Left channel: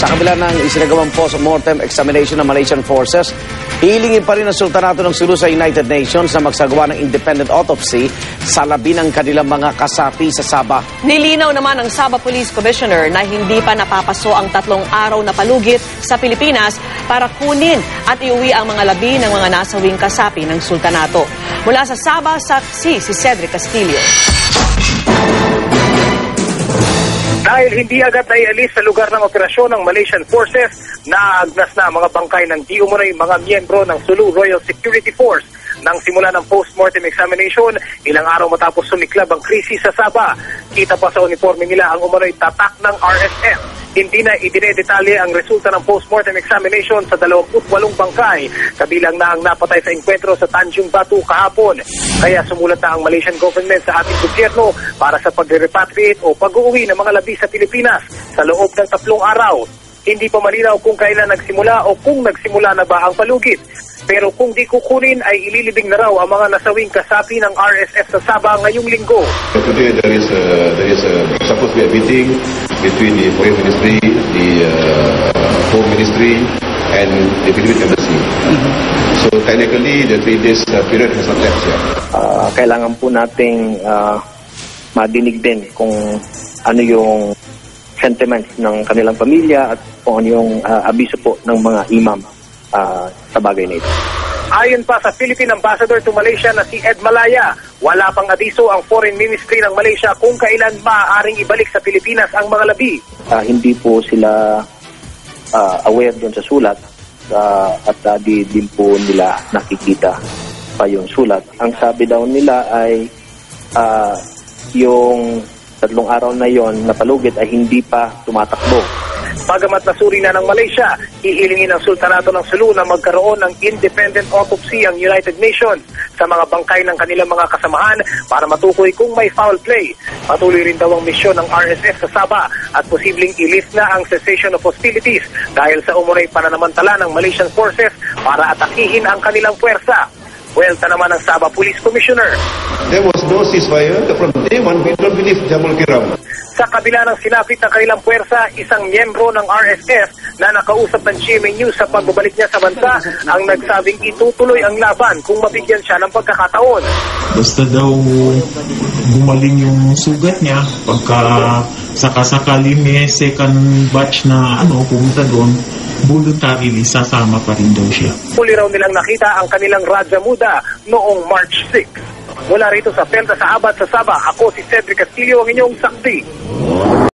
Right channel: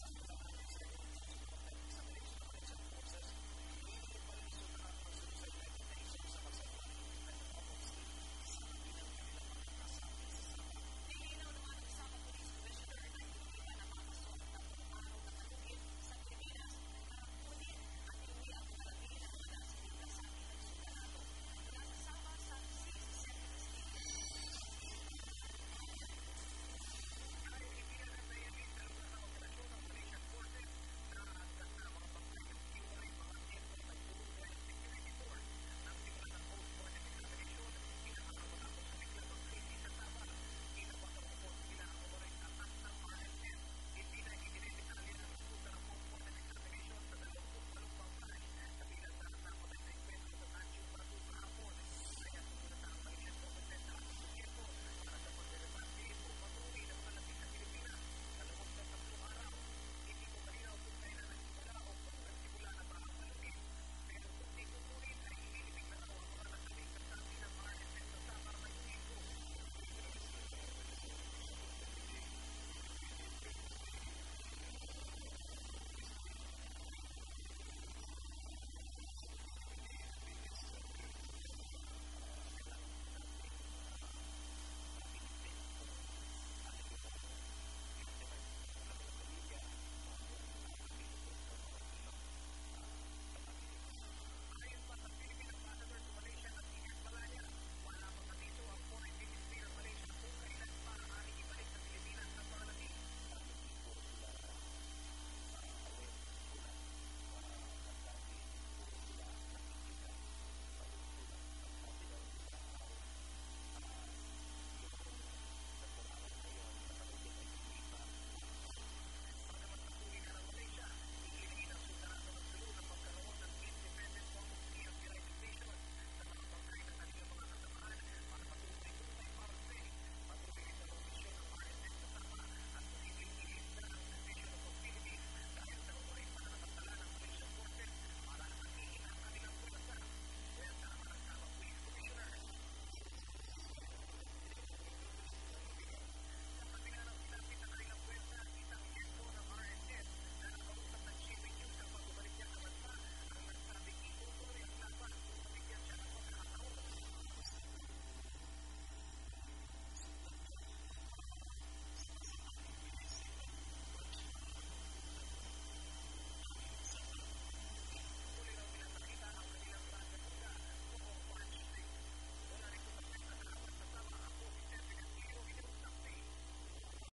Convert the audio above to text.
Sa kabila ng isinagawang post-mortem examination ng Malaysian forces, hilingin pa rin ang Sultanato ng Sulu sa United Nations na magsagawa ng independent autopsy sa labi ng kanilang mga kasapi sa Sabah. Nilinaw naman ng Sabah Police Commissioner na hindi pa napapaso ang 3 araw na palugit sa Pilipinas para kunin at iuwi ang mga labi ng mga nasawing kasapi ng Sultanato. Mula sa Sabah, saksi si Cedric Castillo. Dahil hindi agad naialis sa lugar ng operasyon ng Malaysian Forces, naagnas na mga bangkay ng di umunoy mga miyembro ng Sulu Royal Security Force. Nang simula ng post-mortem examination, ilang araw matapos sumiklab ang krisis sa Sabah. Kita pa sa uniforme nila ang umunoy tatak ng RSF. Hindi na idinedetalye ang resulta ng post-mortem examination sa 28 bangkay, kabilang na ang napatay sa enkwentro sa Tanjung Batu kahapon. Kaya sumulat na ang Malaysian government sa ating gobyerno para sa pag-repatriate o pag-uwi ng mga labi sa Pilipinas sa loob ng 3 araw. Hindi pa malinaw kung kailan nagsimula o kung nagsimula na ba ang palugit. Pero kung di kukunin ay ililibing na raw ang mga nasawing kasapi ng RSF sa Sabah ngayong linggo. Today there is supposed to be a meeting between the Foreign Ministry, the Home Ministry, and the Philippine Embassy. So technically, the 3 days period has not left yet. Kailangan po nating madinig din kung ano yung sentiments ng kanilang pamilya at kung ano yung abiso po ng mga imam sa bagay na ito. Ayon pa sa Philippine Ambassador to Malaysia na si Ed Malaya, wala pang abiso ang Foreign Ministry ng Malaysia kung kailan maaaring ibalik sa Pilipinas ang mga labi. Hindi po sila aware doon sa sulat at di din po nila nakikita pa yung sulat. Ang sabi daw nila ay yung 3 araw na yon na palugit ay hindi pa tumatakbo. Bagamat nasuri na ng Malaysia, hihilingin ng Sultanato ng Sulu na magkaroon ng independent autopsy ang United Nations sa mga bangkay ng kanilang mga kasamahan para matukoy kung may foul play. Patuloy rin daw ang misyon ng RSF sa Sabah at posibleng i-lift na ang cessation of hostilities dahil sa umunoy pananamantala ng Malaysian forces para atakihin ang kanilang puwersa. Buwelta naman ng Sabah Police Commissioner. There was no ceasefire. From day one, we don't believe Jamul Kiram. Sa kabila ng sinapit ng kanilang puwersa, isang miyembro ng RSF na nakausap ng GMA News sa pagbabalik niya sa bansa ang nagsabing itutuloy ang laban kung mabigyan siya ng pagkakataon. Basta daw gumaling yung sugat niya pagka sakasakali may second batch na pumunta doon, voluntarily sasama pa rin daw siya. Huli raw nilang nakita ang kanilang Raja Muda noong March 6. Mula rito sa Pelta sa Abad sa Sabah, ako si Cedric Castillo, ang inyong saksi.